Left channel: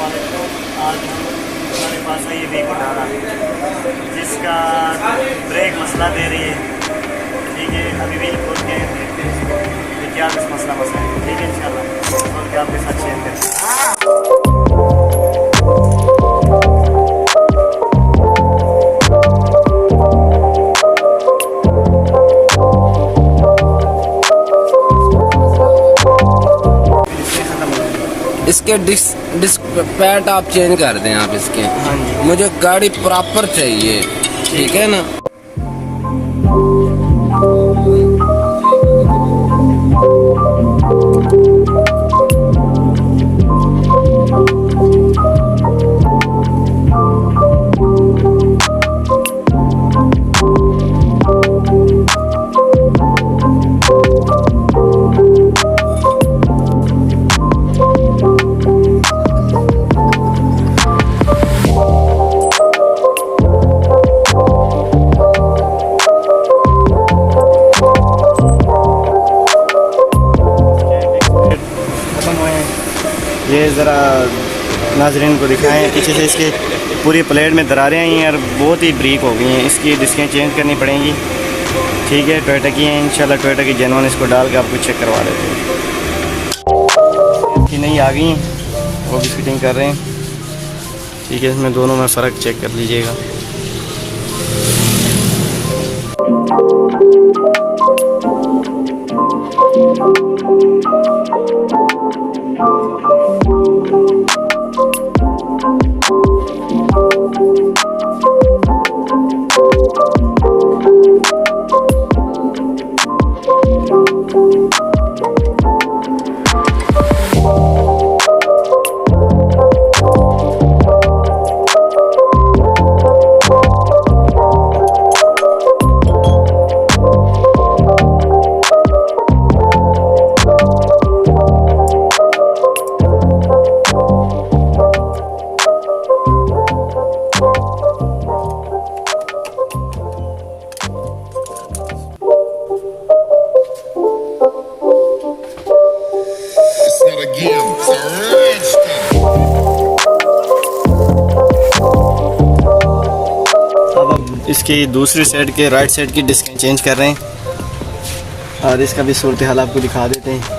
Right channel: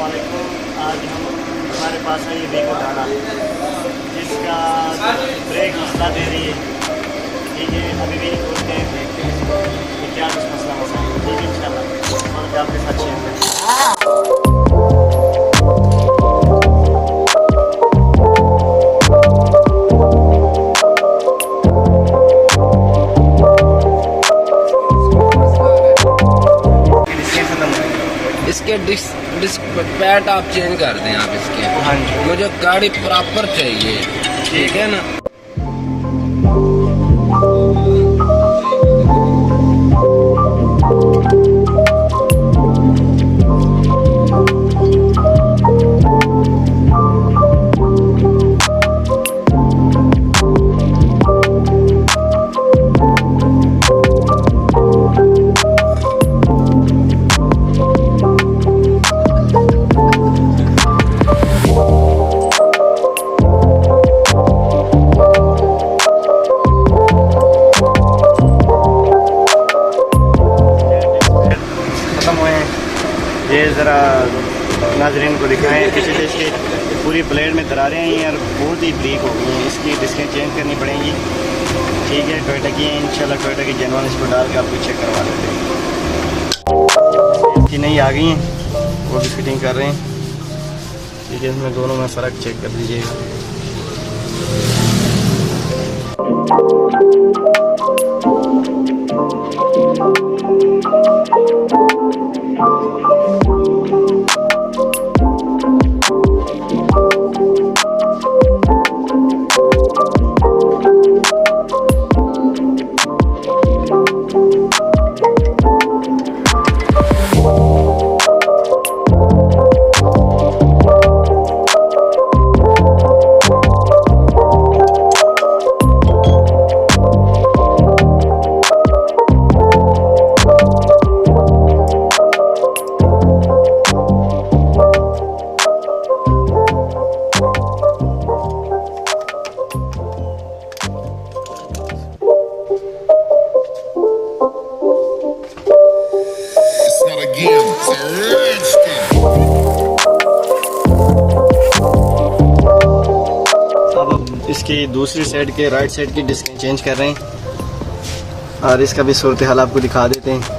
अस्सलाम वालेकुम। आज हमारे पास है ये वीगो डाला जिसका ब्रेक मसला दे रही है। ठीक है, अभी भी खोल के देखते हैं कि क्या कुछ मसला है। ठीक है, इंशाल्लाह खोल के आपके साथ शेयर करें। इसके डिस्क पैड आप चेंज कर दें आप इसके। हाँ जी, मुझे गाड़ी प्रॉपर चाहिए, ठीक है ना। ये ज़रा नाज़रीन को दिखाएं। पीछे से इसके पूरी प्लेट में दरारें आई हैं और बहुत ही ब्रीक हो गई हैं। इसकी डिस्कें चेंज करनी पड़ेंगी। ठीक है, टोयोटा की हैं, इंशाल्लाह टोयोटा की जेन्युइन। इसको डाल के आपको चेक करवा लेते हैं कि नहीं आ गई हैं, वो भी फिटिंग कर रहे हैं। ठीक है, इसमें दोनों में फ़र्क चेक कर लीजिएगा। अब इसकी दूसरी साइड के राइट साइड की डिस्क चेंज कर रहे हैं और इसका भी सूरत हाल आपको दिखा देते हैं।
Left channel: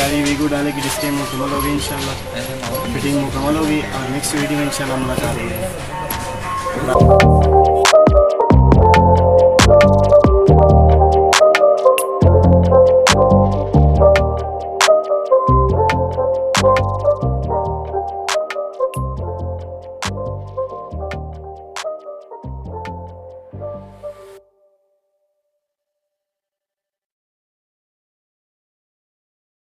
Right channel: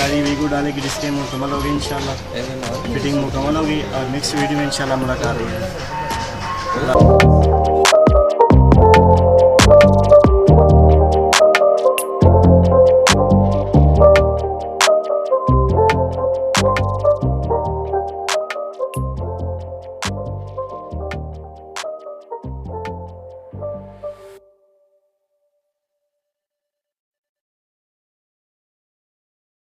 गाड़ी वीगो डाले की डिस्प्ले मुकम्मल होगी इंशाल्लाह। फिटिंग मुकम्मल होगी और नेक्स्ट वीडियो में इंशाल्लाह मुलाकात होगी।